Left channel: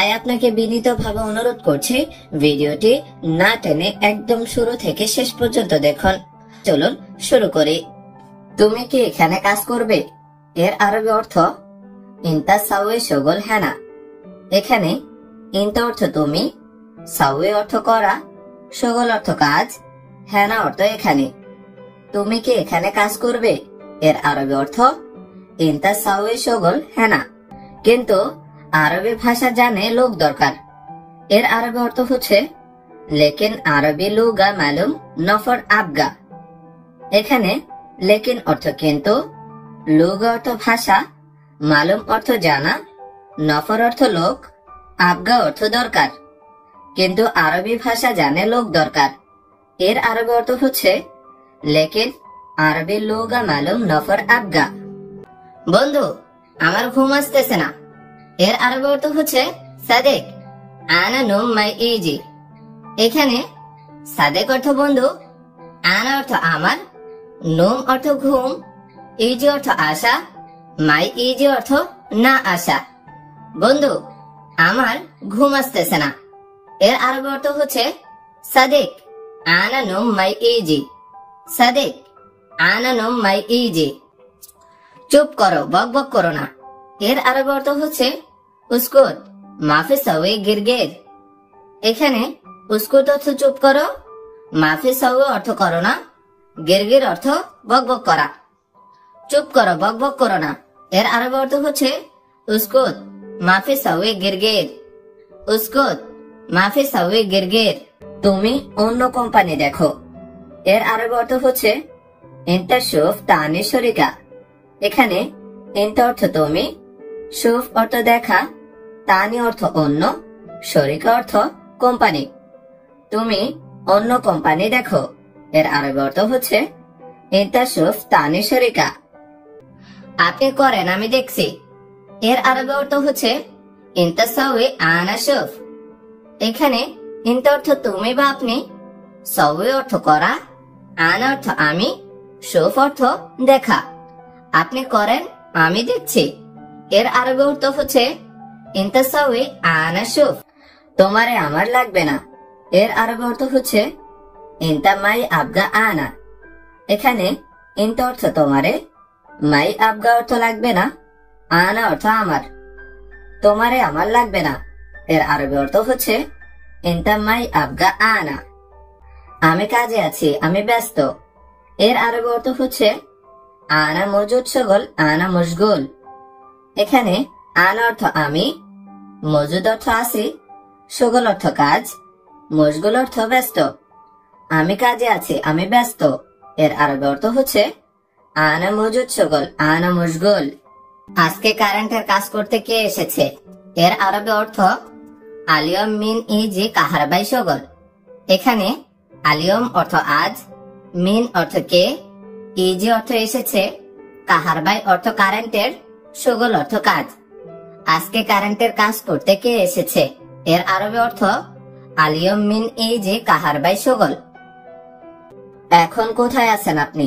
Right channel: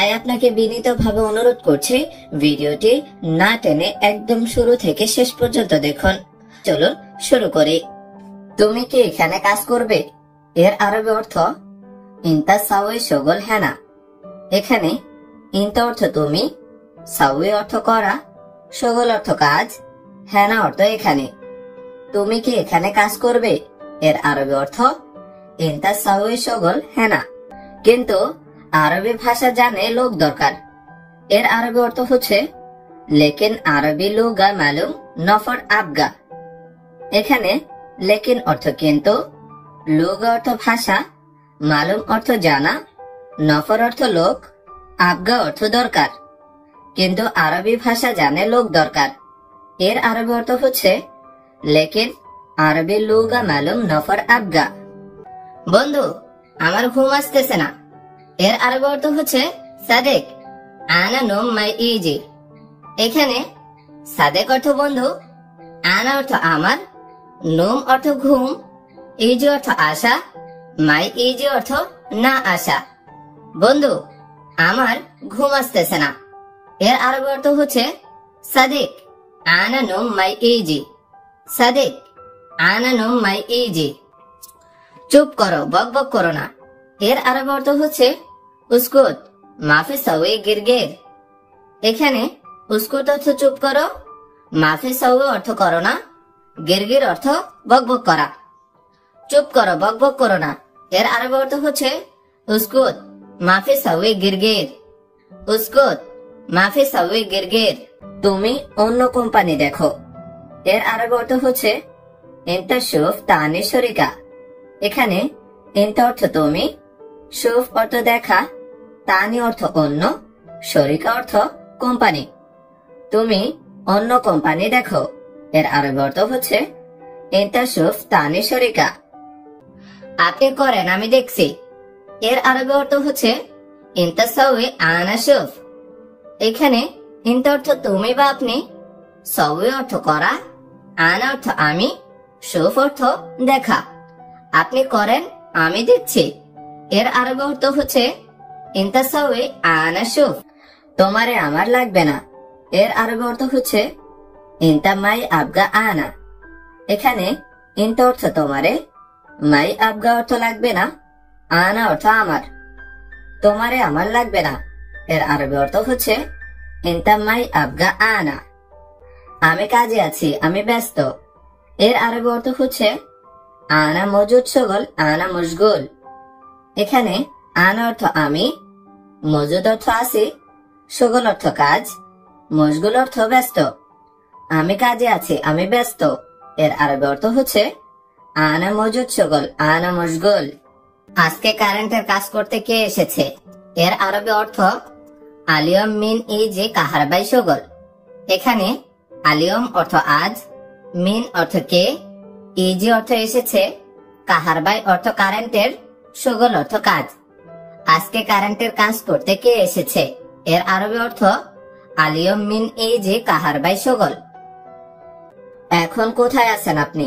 তাই আপনাকে বিনীতভাবে অনুরোধ করছি ভিডিওটি না টেনে একদম শুরু থেকে শেষ পর্যন্ত দেখুন। চলুন শুরু করি। তুমি কি এখানে কাজ করবে এর আরবি অর্থ ইনতা সাওয়ে শগল হ্যানা। এখানে ইনতা অর্থ তুমি, সাওয়ে অর্থ করা, শগল অর্থ কাজ, হ্যানা অর্থ এখানে। তুমি কি এখানে কাজ করবে এর আরবি অর্থ ইনতা সাওয়ে শগল হ্যানা। কিন্তু আরবি ভাষা জানে লোক দরকার। এর আরবি অর্থ হচ্ছে লেকিন আরবি লুগা মালুম নফর আবগা। এখানে লেকিন অর্থ কিন্তু, লুগা অর্থ ভাষা, মালুম অর্থ জানা, নফর অর্থ লোক, আবগা অর্থ দরকার। কিন্তু আরবি ভাষা জানে লোক দরকার। এর আরবি অর্থ হচ্ছে লেকিন আরবি লুগা মালুম নফর আবগা। বন্ধু, আমার ঘুম আসতেছে না এর আরবি অর্থ হচ্ছে সাদেক আনা নোম মাই ইজি। এখানে সাদেক অর্থ বন্ধু, আনা অর্থ আমার, নোম অর্থ ঘুম, ইজি অর্থ আশা, মাই ইজি অর্থ না আশা। বন্ধু, আমার ঘুম আসতেছে না এর আরবি অর্থ হচ্ছে সাদেক আনা নোম মাই ইজি। সাদেক আনা নোম মাই ইজি। চুপ করো, বক বক করো না এর আরবি অর্থ হচ্ছে উস্কুত মাফি সাওয়ে গিরগির। এখানে উস্কুত অর্থ চুপ করো, মাফি সাওয়ে অর্থ করো না, গিরগির অর্থ বক বক করা। চুপ করো, বক বক করো না এর আরবি অর্থ হচ্ছে উস্কুত মাফি সাওয়ে গিরগির। উস্কুত মাফি সাওয়ে গিরগির। তুমি অন্য কোম্পানি দেখো এর আরবি অর্থ হচ্ছে ইনতা শুফ তানি শরিকা। এখানে ইনতা অর্থ তুমি, শুফ অর্থ দেখা, তানি অর্থ অন্য, শরিকা অর্থ কোম্পানি। তুমি অন্য কোম্পানি দেখো এর আরবি অর্থ হচ্ছে ইনতা শুফ তানি শরিকা। আপনি করেন আমি দেখছি এর আরবি অর্থ হচ্ছে ইনতা সাওয়ে আনা শুফ। এখানে ইনতা অর্থ তুমি বা আপনি, সাওয়ে অর্থ করা, আনা অর্থ আমি, শুফ অর্থ দেখা। আপনি করেন আমি দেখছি এর আরবি অর্থ হচ্ছে ইনতা সাওয়ে আনা শুফ। তোমারে আমার লাগবে না এর আরবি অর্থ হচ্ছে ইনতা মাই আবগা আনা। এখানে ইনতা অর্থ তোমারে, মাই আবগা অর্থ লাগবে না, আনা অর্থ আমার। তোমারে আমার লাগবে না এর আরবি অর্থ হচ্ছে ইনতা মাই আবগা আনা। আমি কাজে আছি, আমি ব্যস্ত এর আরবি অর্থ হচ্ছে আনা মজুদ শগল আনা মশগুল। এখানে আনা অর্থ আমি, মজুদ অর্থ আছি, শগল অর্থ কাজ, মশগুল অর্থ ব্যস্ত। আমি কাজে আছি, আমি ব্যস্ত এর আরবি অর্থ হচ্ছে আনা মজুদ শগল আনা মশগুল। আজকে কারেন্টের কাজ করতে কে এসেছে এর আরবি অর্থ আলিয়ম মিন ইজি কাহারবাই শগল। এখানে আলিয়ম অর্থ আজ, মিন অর্থ কে, ইজি অর্থ এসেছে, কাহারবাই অর্থ কারেন্টের, শগল অর্থ কাজ। আজকে কারেন্টের কাজ করতে কে এসেছে এর আরবি অর্থ আলিয়ম মিন ইজি কাহারবাই শগল। এখন কোথায় আছেন আপনি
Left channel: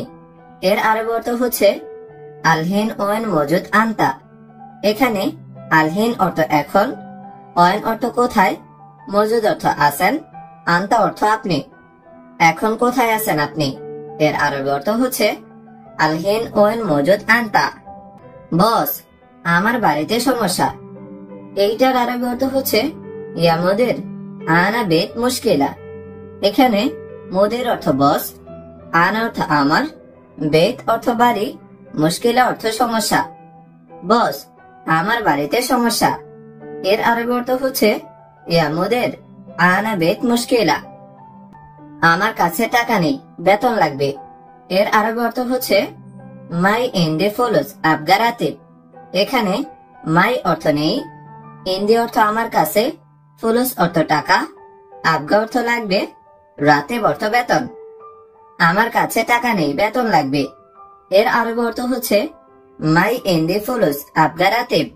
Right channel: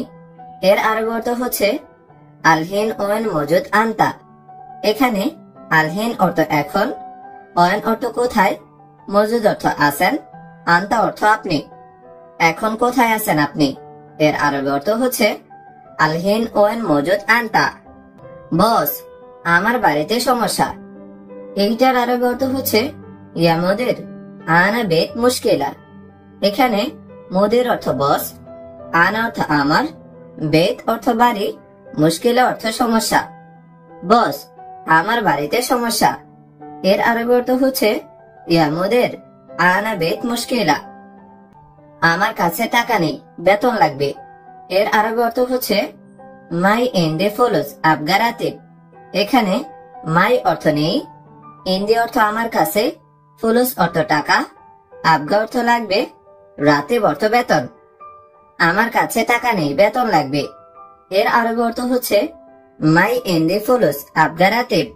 এর আরবি অর্থ হচ্ছে আলহিন ওয়েন মজুদ আনতা। এখানে আলহিন অর্থ এখন, ওয়েন অর্থ কোথায়, মজুদ অর্থ আছেন, আনতা অর্থ আপনি। এখন কোথায় আছেন আপনি এর আরবি অর্থ হচ্ছে আলহিন ওয়েন মজুদ আনতা। বস, আমার বাড়িতে সমস্যা। এইটার আরবি অর্থ হচ্ছে ইয়া মুদির আনা বেত মুশকিলা। এখানে মুদির অর্থ বস, আনা অর্থ আমার, বেত অর্থ বাড়ি, মুশকিলা অর্থ সমস্যা। বস, আমার বাড়িতে সমস্যা এর আরবি অর্থ হচ্ছে ইয়া মুদির আনা বেত মুশকিলা। আমার কাছে টাকা নেই, বেতন লাগবে এর আরবি অর্থ হচ্ছে মাই ইন্ডে ফুলুস আবগা রাতিব। এখানে মাই অর্থ নেই, ইন্ডি অর্থ আমার কাছে, ফুলুস অর্থ টাকা, আবগা অর্থ লাগবে, রাতিব অর্থ বেতন। আমার কাছে টাকা নেই, বেতন লাগবে এর আরবি অর্থ হচ্ছে মাই ইন্ডে ফুলুস আবগা রাতিব।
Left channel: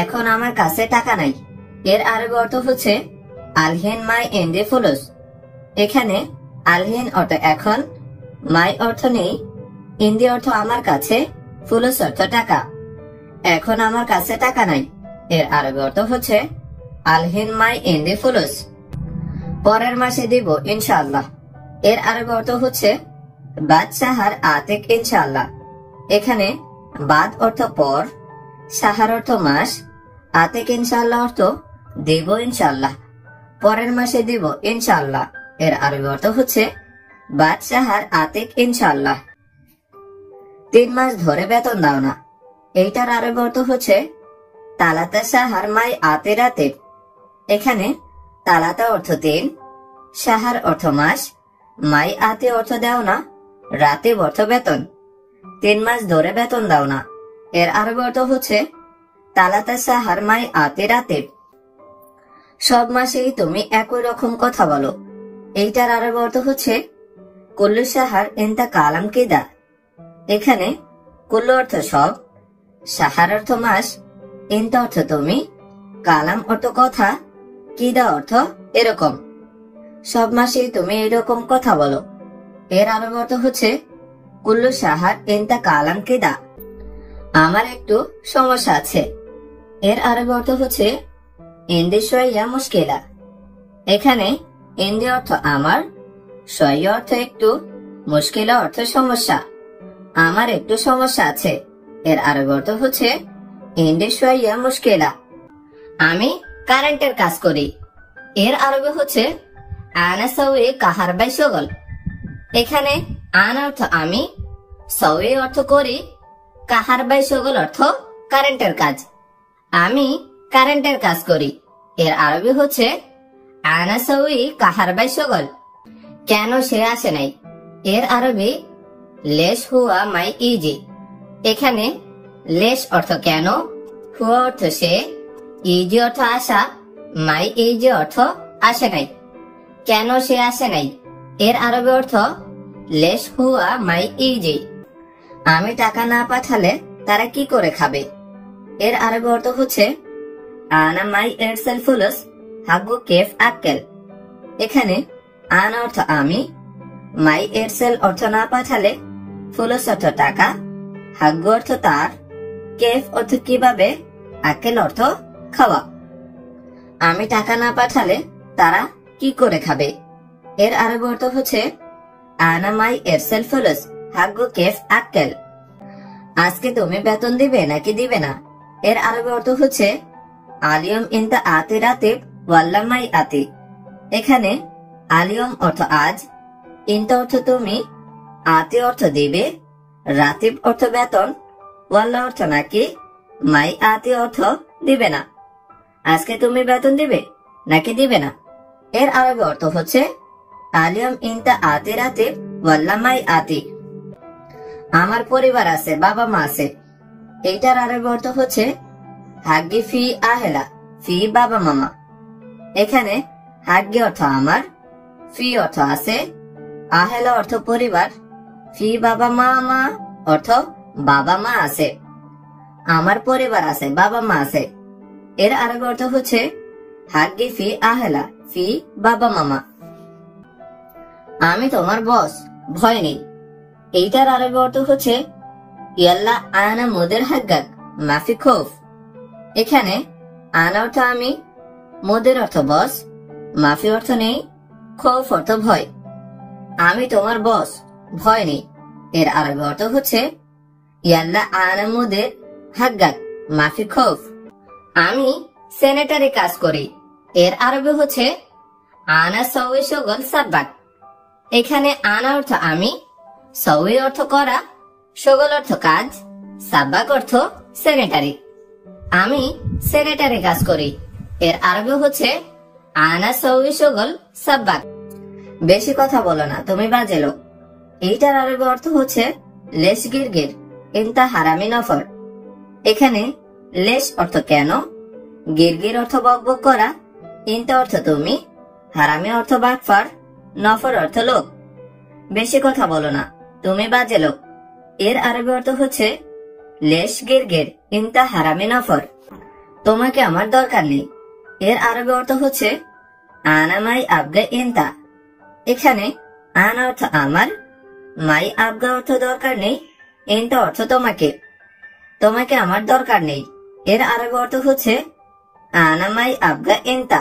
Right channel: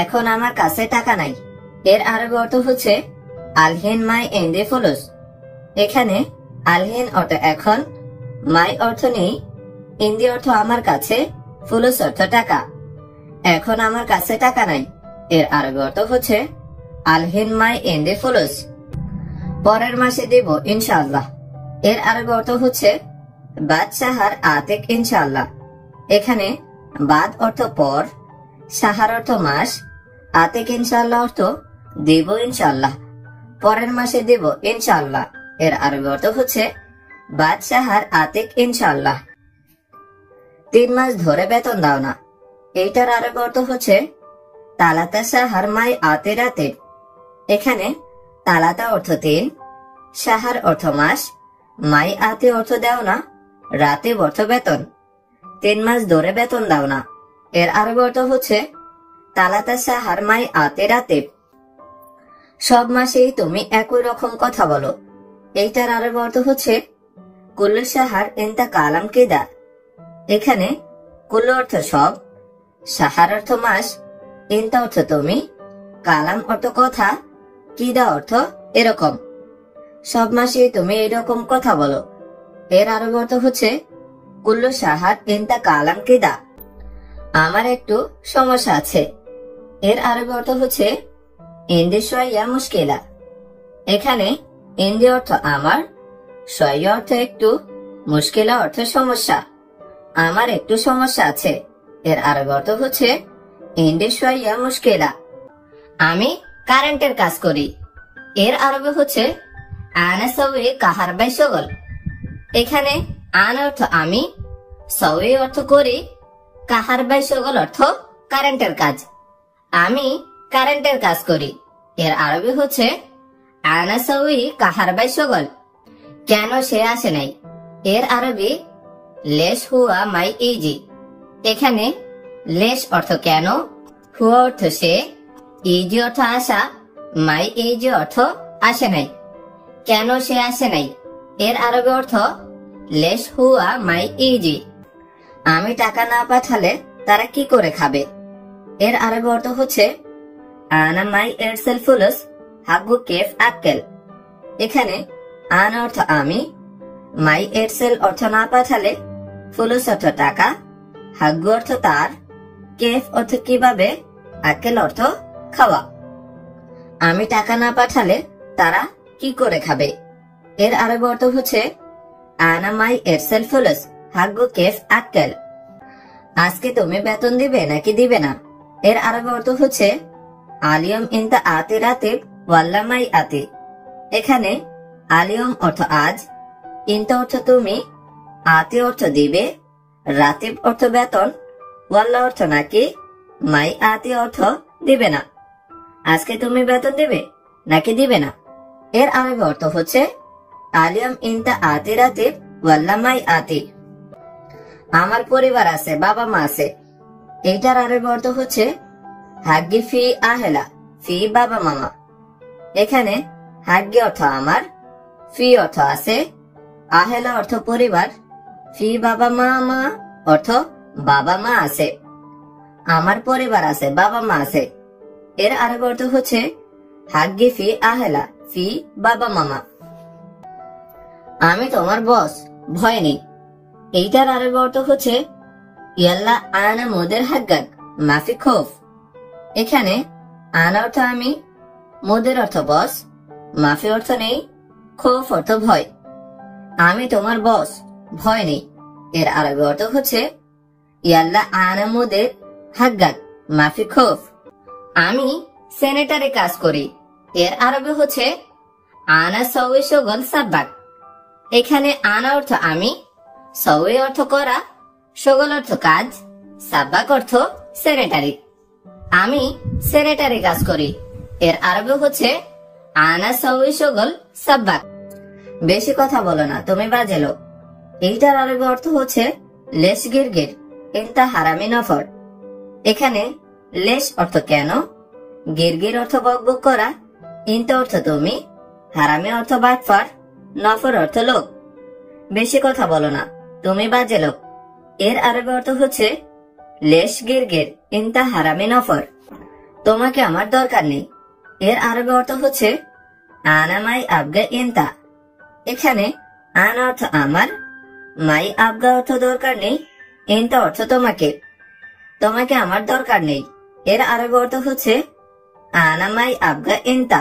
এখন আমার কাছে টাকা নাই এর আরবি অর্থ হচ্ছে আলহিন মাই ইন্ডে ফুলুস। এখানে আলহিন অর্থ এখন, মাই অর্থ নেই, ইন্দি অর্থ আমার কাছে, ফুলুস অর্থ টাকা। এখন আমার কাছে টাকা নাই এর আরবি অর্থ হচ্ছে আলহিন মাই ইন্দি ফুলুস, পরের মাসে দিব ইনশাআল্লাহ। এর আরবি অর্থ হচ্ছে বাদ সাহার আতিক ইনশাআল্লাহ। এখানে বাদ অর্থ পর, সাহার অর্থ মাস, আতিক ইনশাআল্লাহ অর্থ দিব ইনশাআল্লাহ, পরের মাসে দিব ইনশাআল্লাহ। এর আরবি অর্থ হচ্ছে বাদ সাহার আতিক ইনশাআল্লাহ। 3 মাস ধরে বেতন দাও না, এইটার আরবি অর্থ হচ্ছে তালাতা সাহার মাই আতি রাতিব। এখানে তালাতা অর্থ 3, সাহার অর্থ মাস, মাই আতি অর্থ দাও না, রাতিব অর্থ বেতন। 3 মাস ধরে বেতন দাও না, এর আরবি অর্থ হচ্ছে তালাতা সাহার মাই আতি রাতিব। সব মাসেই তুমি একই রকম কথা বলো, এইটার আরবি অর্থ হচ্ছে কুল্লু সাহার ইনতা কালাম কিদা। এখানে কুল্লু অর্থ সব, সাহার অর্থ মাস, ইনতা অর্থ তুমি, কালাম অর্থ কথা, কিদা অর্থ এরকম। সব মাসেই তুমি এরকম কথা বলো, এর আরবি অর্থ হচ্ছে কুল্লু সাহার ইনতা কালাম কিদা। আমার একটু সমস্যা আছে, এর আরবি অর্থ হচ্ছে ইন্দি শোয়া মুশকিলা। এখানে ইন্দি অর্থ আমার, শোয়া অর্থ একটু, মুশকিলা অর্থ সমস্যা। আমার একটু সমস্যা আছে, এর আরবি অর্থ হচ্ছে ইন্দি শোয়া মুশকিলা। আমি কারেন্টের কাজ করি, এর আরবি হচ্ছে আনা সৌই কাহারবাই শগল। এখানে আন অর্থ আমি, সৌই অর্থ করি, কাহারবাই শগল অর্থ কারেন্টের কাজ। আমি কারেন্টের কাজ করি, এর আরবি হচ্ছে আনা সৌই কাহারবাই শগল। কেন সে আসে নাই, এর আরবি লেশ হুয়া মাই ইজি। এখানে লেশ অর্থ কেন, হুয়া অর্থ সে, ইজি অর্থ আসা, মাই ইজি অর্থ আসে নাই। কেন সে আসে নাই, এর আরবি অর্থ লেশ হুয়া মাই ইজি। আমি টাকা না পাঠালে তারা কি করে খাবে, এর আরবি অর্থ হচ্ছে আনা মাই এরসেল ফুলুস হাগু কেফ আক্কেল। এখানে আন অর্থ আমি, মাই এরসেল অর্থ না পাঠালে, ফুলুস অর্থ টাকা, হাগু অর্থ তার, কেফ অর্থ কিভাবে, আক্কেল অর্থ খাওয়া। আমি টাকা না পাঠালে তারা কি করে খাবে, এর আরবি অর্থ হচ্ছে আনা মাই এরসেল ফুলুস হাগু কেফ আক্কেল। আজকে তুমি বেতন দিবে নাকি দিবে না, এর আরবি অর্থ হচ্ছে আলিয়ম ইনতা আতি রাতিব ওয়াল্লা মাই আতি। এখানে আলিয়ম অর্থ আজ, ইনতা অর্থ তুমি, আতি অর্থ দিবে, রাতিব অর্থ বেতন, ওয়াল্লা অর্থ নাকি, মাই আতি অর্থ দিবে না। আজকে তুমি বেতন দিবে নাকি দিবে না, এর আরবি অর্থ হচ্ছে আলিয়ম ইনতা আতি রাতিব ওয়াল্লা মাই আতি। আমার পরিবার আছে, বাবা মা আছে, এইটার আরবি অর্থ হচ্ছে হাগ্গি ফি আহেলা ফি বাবা মামা। এখানে হাগ্গি অর্থ আমার, ফি অর্থ আছে, আহেলা অর্থ পরিবার, ফি বাবা মা অর্থ বাবা মা আছে। আমার পরিবার আছে, বাবা মা আছে, এর আরবি অর্থ হচ্ছে হাগ্গি ফি আহেলা ফি বাবা মামা। আমি তোমার বস, ভয় নেই, এইটার আরবি অর্থ হচ্ছে ইয়াল্লা আনা মুদের হাগ্গাক মাফি খৌফ। এখানে আনা অর্থ আমি, মুদের অর্থ বস, মাফি অর্থ নেই, খৌফ অর্থ ভয়। আমি তোমার বস, ভয় নেই, এর আরবি অর্থ হচ্ছে ইয়াল্লা আনা মুদের হাগ্গাক মাফি খৌফ। আমি সেনেটারি কাজ করি, এর আরবি হচ্ছে আনা সৌই শগল সাব্বাক। এখানে আনা অর্থ আমি, সৌই অর্থ করা, শগল অর্থ কাজ, সাব্বাক অর্থ সেনেটারি। আমি সেনেটারি কাজ করি, এর আরবি হচ্ছে আনা সৌই শগল সাব্বাক। বেশি কথা বলো না, তুমি বাজে লোক, এইটার আরবি অর্থ হচ্ছে লেশ গিরগির ইনতা হারামি নফর। এখানে লেশ অর্থ কেন, গিরগির অর্থ বকবক করা, ইনতা অর্থ তুমি, হারামি অর্থ বাটফার, নফর অর্থ লোক। বেশি কথা বলো না, তুমি বাজে লোক, এর আরবি অর্থ হচ্ছে লেশ গিরগির ইনতা হারামি নফর। তোমাকে আমার দরকার নেই, এর আরবি অর্থ হচ্ছে আনা মাই আবগা ইনতা। এখানে আনা অর্থ আমার, মাই আবগা অর্থ দরকার নেই, ইনতা অর্থ তোমাকে। তোমাকে আমার দরকার নেই, এর আরবি অর্থ হচ্ছে আনা মাই আবগা ইনতা।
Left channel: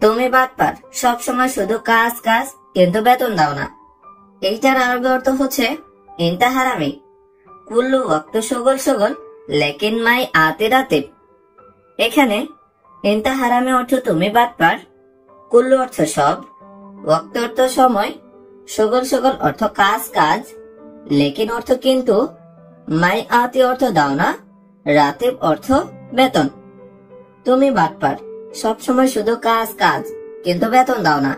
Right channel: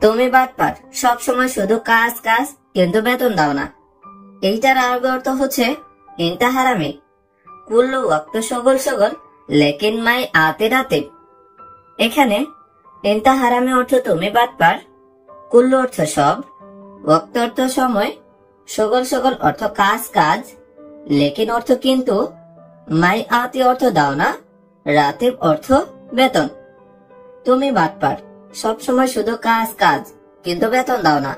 তুমি বাটপার, সবসময় শুধু কাজ কাজ কিন্তু বেতন দাও না। এইটার আরবি অর্থ হচ্ছে ইনতা হারামি, কুল্লু ওয়াক্ত সগল সগল লেকিন মাই আতে রাতে। এখানে ইনতা হারামি অর্থ তুমি বাটপার, কুল্লু অর্থ সব, ওয়াক্ত অর্থ সময়, সগল সগল অর্থ কাজ কাজ, লেকিন অর্থ কিন্তু, মাই আতে অর্থ দাও না, রাতে অর্থ বেতন। তুমি বাটপার, সবসময় শুধু কাজ কাজ কিন্তু বেতন দাও না।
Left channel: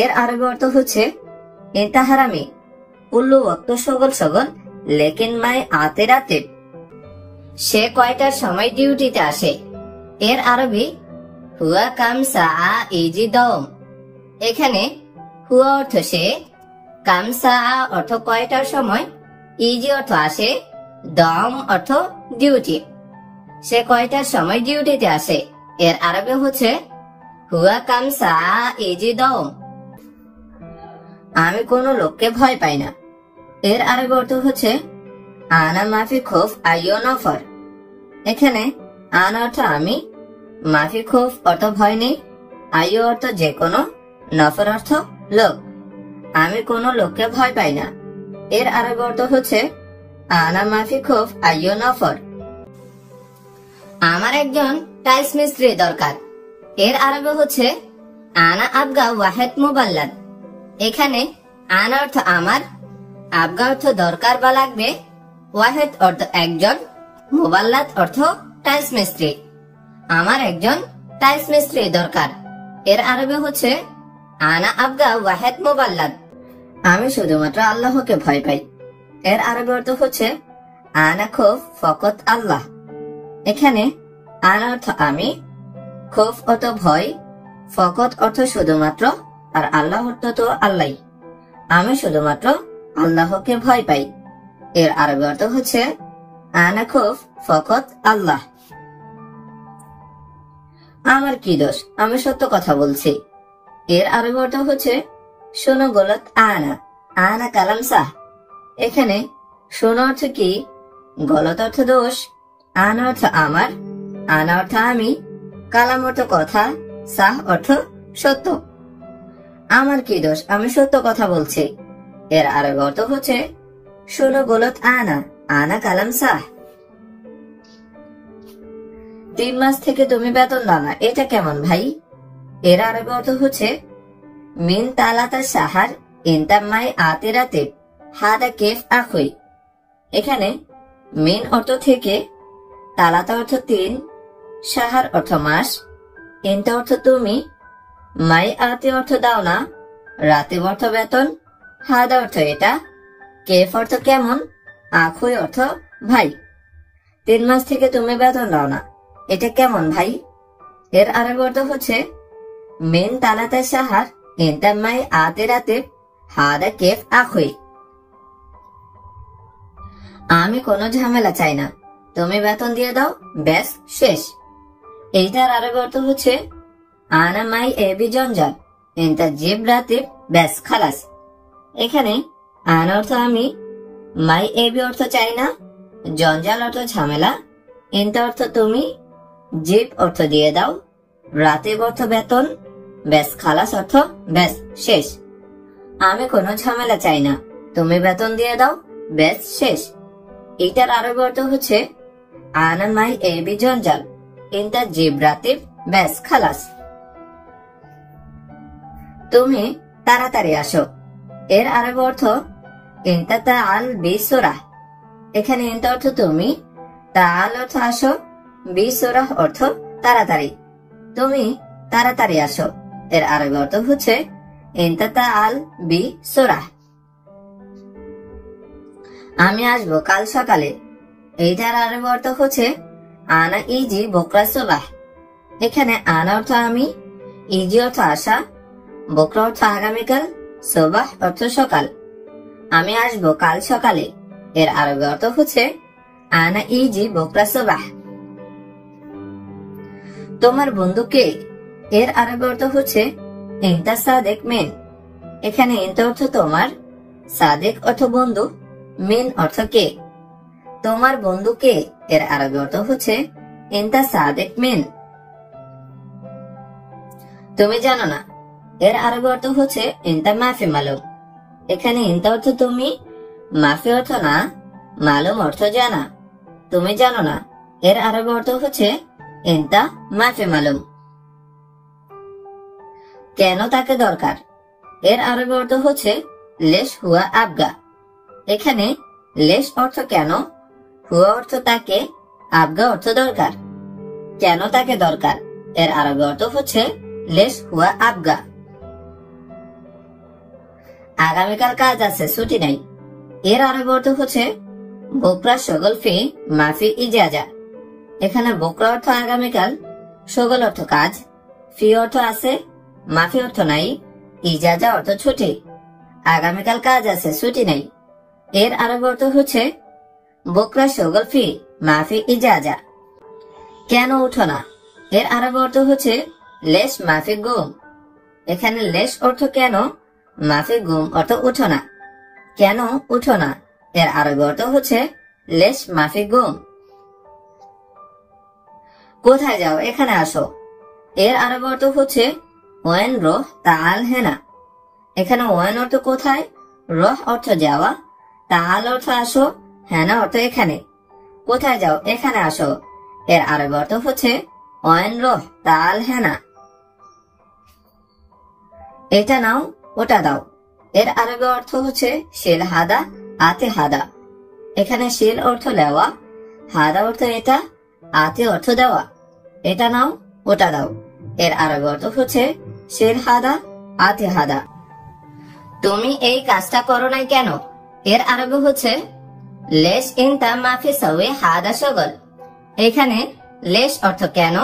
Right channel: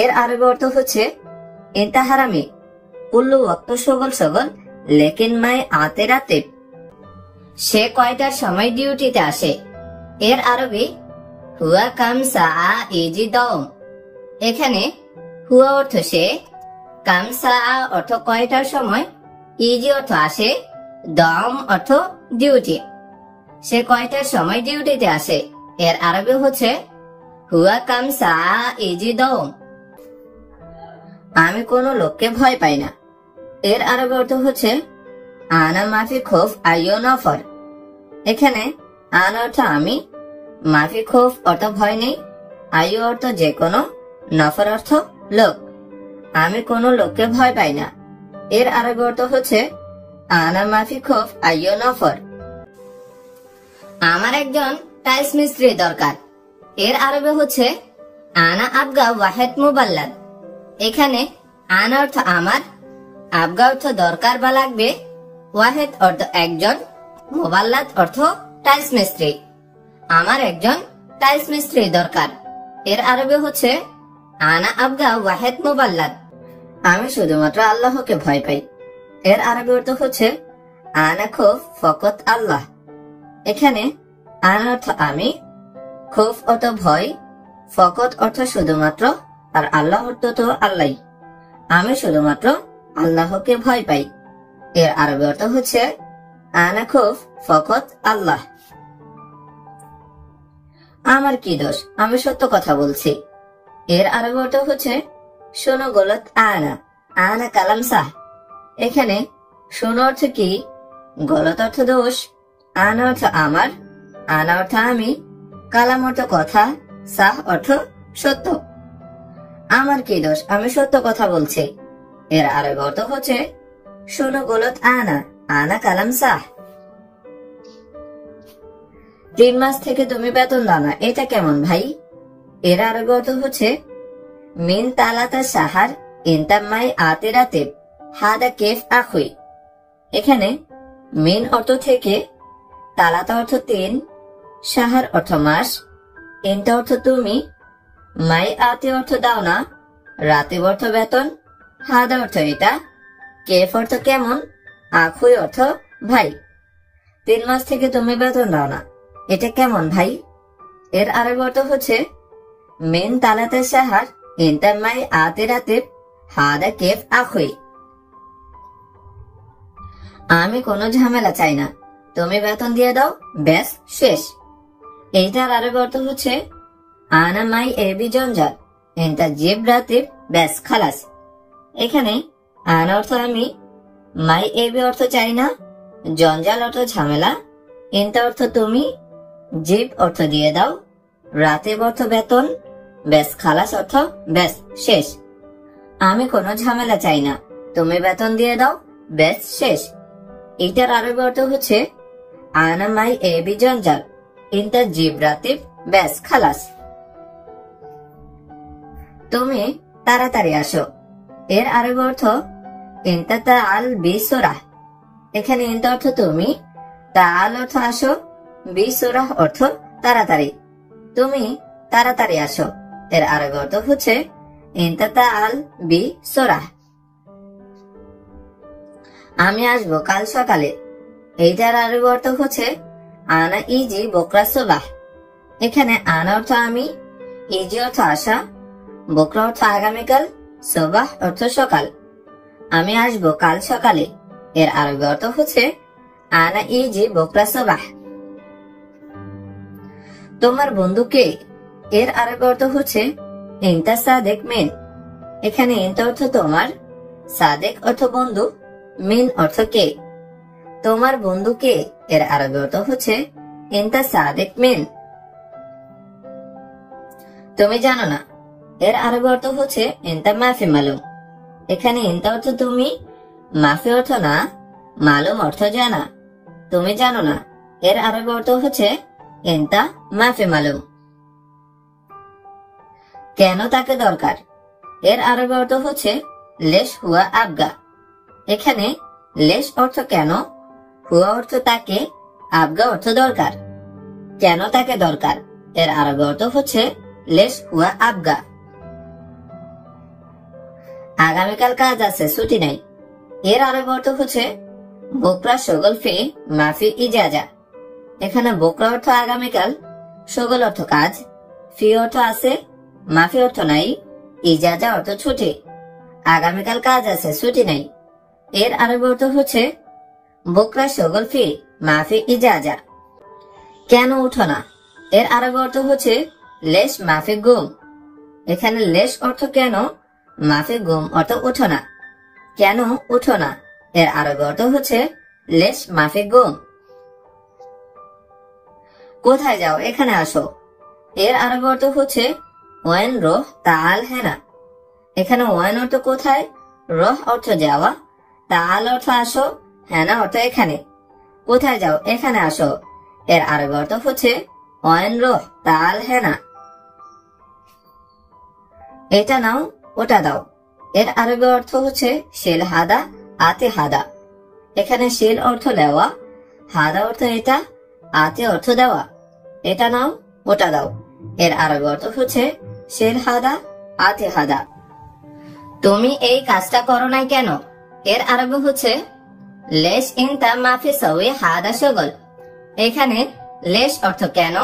এর আরবি অর্থ হচ্ছে ইনতা হারামি, কুল্লু ওয়াক্ত সগল সগল লেকিন মাই আতে রাতে। সে কয়টার সময় ডিউটিতে আসে? এর আরবি হুয়া কাম সাআ ইজি দাওম। এখানে হুয়া অর্থ সে, কাম সাআ অর্থ কয়টার সময়, ইজি অর্থ আসে, দাওম অর্থ ডিউটি। সে কয়টার সময় ডিউটিতে আসে? এর আরবি হচ্ছে হুয়া কাম সাআ ইজি দাওম। আমি কোনো লোককে ভয় পাই না। এর আরবি অর্থ হচ্ছে আনা মাফি খৌফ আইয়ো নফর। এখানে আনা অর্থ আমি, মাফি খৌফ অর্থ ভয় নেই, আইয়ো অর্থ যে কোনো, নফর অর্থ লোক। আমি কোনো লোককে ভয় পাই না। এর আরবি অর্থ হচ্ছে আনা মাফি খৌফ আইয়ো নফর। আমার একজন টাইলস মিস্ত্রি দরকার। এর আরবি হচ্ছে আনা আবগা ওয়াহেদ মুবাল্লাদ। এখানে আনা অর্থ আমার, আবগা অর্থ দরকার বা লাগবে, ওয়াহেদ অর্থ একজন, মুবাল্লাদ অর্থ টাইলস মিস্ত্রি। আমার একজন টাইলস মিস্ত্রি দরকার। এর আরবি হচ্ছে আনা আবগা ওয়াহেদ মুবাল্লাদ। আমি শুধুমাত্র আল্লাহকে ভয় পাই। এর আরবি অর্থ হচ্ছে আনা খৌফ ফকত আল্লাহ। এখানে আনা অর্থ আমি, খৌফ অর্থ ভয়, ফকত অর্থ শুধুমাত্র, আর আল্লাহ অর্থ তো আল্লাহ। আমি শুধুমাত্র আল্লাহকে ভয় পাই। এর আরবি অর্থ হচ্ছে আনা খৌফ ফকত আল্লাহ। আমার কি দোষ, আমি সত্য কথা বলছি। এর আরবি অর্থ হচ্ছে শোনো গলত আনা, আনা কালাম সাহ। এখানে শোনো অর্থ কি, গলত অর্থ দোষ, আনা অর্থ আমার, আনা অর্থ আমি, কালাম অর্থ কথা, সাহ অর্থ সত্য। আমার কি দোষ, আমি সত্য কথা বলছি। এর আরবি অর্থ হচ্ছে শোনো গলত আনা, আনা কালাম সাহ। 3 মাস থেকে তুমি বেতন দাও না, এটা কেমন ভাই? এর আরবি অর্থ হচ্ছে মিন তালাতা সাহার ইনতাম্মাই আতে রাতে হাদা কেফ আখুই। এখানে মিন অর্থ থেকে, তালাতা অর্থ 3, সাহার অর্থ মাস, ইনতা অর্থ তুমি, মাই আতে অর্থ দাও না, রাতে অর্থ বেতন, হাদা অর্থ এটা, কেফ অর্থ কেমন, আখুই অর্থ ভাই। 3 মাস থেকে তুমি বেতন দাও না, এটা কেমন ভাই? এর আরেক অর্থ হচ্ছে মিন তালাতে সাহার ইনতাম্মাই আতে রাতে হাদা কেফ আখুই। আমি কোনো ঝামেলা চাই না, তুমি বেতন দিয়ে দাও, ব্যাস শেষ। এইটার আরেক অর্থ হচ্ছে আনা মাই এবি জঞ্জাল ইনতা জিব রাতে ব্যাস খালাস। এখানে আনা অর্থ আমি, মাই এবি অর্থ চাই না, জঞ্জাল অর্থ ঝামেলা, ইনতা অর্থ তুমি, জিব অর্থ দিয়ে দাও, রাতে অর্থ বেতন, ব্যাস খালাস অর্থ ব্যাস শেষ। আমি কোনো ঝামেলা চাই না, তুমি বেতন দিয়ে দাও, ব্যাস শেষ। এটার আরবি অর্থ হচ্ছে আনা মাই এবি জঞ্জাল ইনতা জিব রাতে ব্যাস খালাস। তুমি তাড়াতাড়ি আসো। এর আরবি অর্থ ইনতা তাআল বিসুরাহ। এখানে ইনতা অর্থ তুমি, তাআল অর্থ আসো, বিসুরাহ অর্থ তাড়াতাড়ি। তুমি তাড়াতাড়ি আসো। এর আরবি অর্থ হচ্ছে ইনতা তাআল বিসুরাহ। আমি আসবো কাল সকালে। এইটার আরবি অর্থ হচ্ছে আনা ইজি বকরা সুবাহ। এখানে আনা অর্থ আমি, ইজি অর্থ আসা, বকরা অর্থ আগামীকাল, সুবাহ অর্থ সকাল। আমি আসবো কাল সকালে। এর আরবি অর্থ হচ্ছে আনা ইজি বকরা সুবাহ। তোমার বন্ধু কে? এর আরবি অর্থ হচ্ছে ইনতা সাদেক মিন। এখানে ইনতা অর্থ তোমার, সাদেক অর্থ বন্ধু, মিন অর্থ কে। তোমার বন্ধু কে? এর আরবি অর্থ হচ্ছে ইনতা সাদিক মিন। তুমি জানো না, এর আরবি অর্থ হচ্ছে ইনতা মাফি মালুম। এখানে ইনতা অর্থ তুমি, মাফি অর্থ না, মালুম অর্থ জানা। তুমি জানো না, এর আরবি অর্থ হচ্ছে ইনতা মাফি মালুম। কেন তাকে দরকার, এর আরবি অর্থ হচ্ছে লেশ হুয়া আবগা। এখানে লেশ অর্থ কেন, হুয়া অর্থ তাকে, আবগা অর্থ দরকার। কেন তাকে দরকার, এর আরবি অর্থ হচ্ছে লেশ হুয়া আবগা। আগামীকাল কাজ আছে, ছুটি নাই। এর আরবি অর্থ হচ্ছে বোকরা শগল ফি মাফি ইজাজা। এখানে বোকরা অর্থ আগামীকাল, শগল অর্থ কাজ, ফি অর্থ আছে, মাফি অর্থ নাই, ইজাজা অর্থ ছুটি। আগামীকাল কাজ আছে, ছুটি নাই। এর আরবি অর্থ হচ্ছে বোকরা শগল ফি মাফি ইজাজা। কেন উঠো না, এর আরবি অর্থ হচ্ছে লেশ মাফি গুম। এখানে লেশ অর্থ কেন, মাফি গুম অর্থ উঠো না। কেন উঠো না, এর আরবি অর্থ হচ্ছে লেশ মাফি গুম। কোথায় যাও, এখানে আসো। এর আরবি অর্থ হচ্ছে ওয়েন রোহ তাল হেনা। এখানে ওয়েন অর্থ কোথায়, রোহ অর্থ যাওয়া, তাল অর্থ আসো, হেনা অর্থ এখানে। কোথায় যাও, এখানে আসো। এর আরবি অর্থ হচ্ছে ওয়েন রোহ তাল হেনা। এটা নাও, ওটা দাও। এর আরবি অর্থ হচ্ছে শিল হাদা আতে হাদা। এখানে শিল অর্থ নেওয়া, হাদা অর্থ এটা, আতে অর্থ দেওয়া। এটা নাও, ওটা দাও। এর আরবি অর্থ হচ্ছে শিল হাদা আতে হাদা। তুমি এই কাজটা করো নাই কেন, এর আরবি হচ্ছে লেশ ইনতা মাফি সওয়ে হাদা শগল। এখানে লেশ অর্থ কেন,